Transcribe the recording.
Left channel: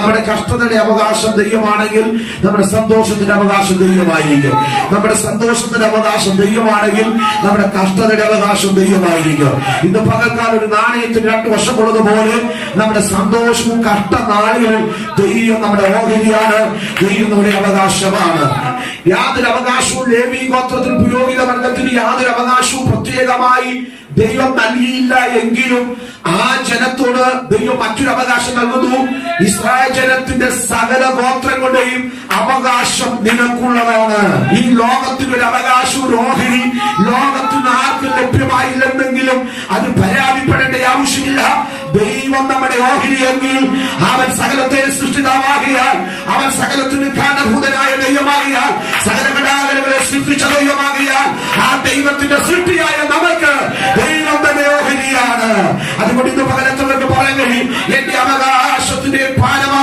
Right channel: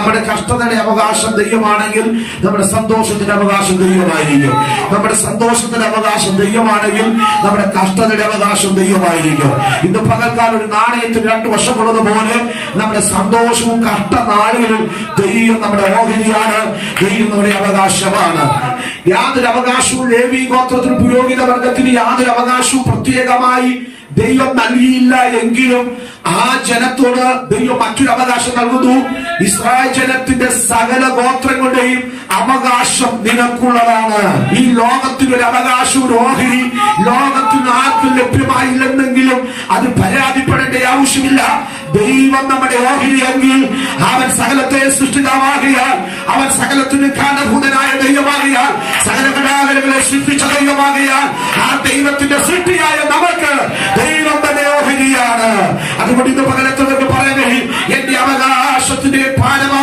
നമ്മുടെ കഷ്ടതയുടെ അവകാശം ദൈവമാണെങ്കിൽ നമ്മുടെ സന്തോഷത്തിന്റെ അവകാശം ദൈവമായിരിക്കും. നമ്മുടെ സന്തോഷത്തിന്റെ അവകാശം ദൈവമാണെങ്കിൽ നമ്മുടെ കഷ്ടതയുടെ അവകാശം ദൈവമായിരിക്കും. ഇന്ന് പകൽക്കാലം ഒരു നാണയത്തിന് രണ്ടു വശമുള്ളതുപോലെ നമ്മുടെ സന്തോഷവും കഷ്ടനാളുകളും ദൈവം നമ്മുടെ ഓഹരിയാണ്, ദൈവം നമ്മുടെ അവകാശമാണ്. യാതൊരു അവകാശവും ലേവി ഗോത്രത്തിന് പുരോഹിത വർഗത്തിന് യാതൊരു അവകാശവും പ്രത്യേകമായി ദൈവം നൽകിയില്ല എങ്കിലും ആ ജനത്തോട് ദൈവം മറ്റൊരു അവകാശം നൽകുന്നു. ഇസ്രായേൽ ജനത്തിന്റെ സകല ഗോത്രങ്ങളുടെയും അവകാശം നിനക്കുള്ളതാണ്. ഈ ലോകത്തിനൊരു അവകാശം, ഒരു ഓഹരി ലോകത്തിന് ആർക്കും ലഭ്യമായില്ലെന്നെങ്കിലും അത് പരാതിപ്പെടേണ്ട ആവശ്യമില്ല. ദൈവം നമ്മുടെ ഓഹരിയെങ്കിൽ അവൻ സകലത്തെ സൃഷ്ടിതാവാകിയാൽ, അവൻ സകലത്തിന് കാരണഭൂതനായ ദൈവമാകിയാൽ, സകല കലാകരങ്ങളെ സൃഷ്ടിച്ച ദൈവമാകിയാൽ, ആ ദൈവത്തിന്റെ സൃഷ്ടിയായ നമുക്ക് ദൈവം തന്നെ ഓഹരിയാണ്. അതുകൊണ്ട് ഇന്ന് പകലത്തൊക്കെ പറയാൻ എന്റെ അവകാശത്തിന്റെ ഭാരം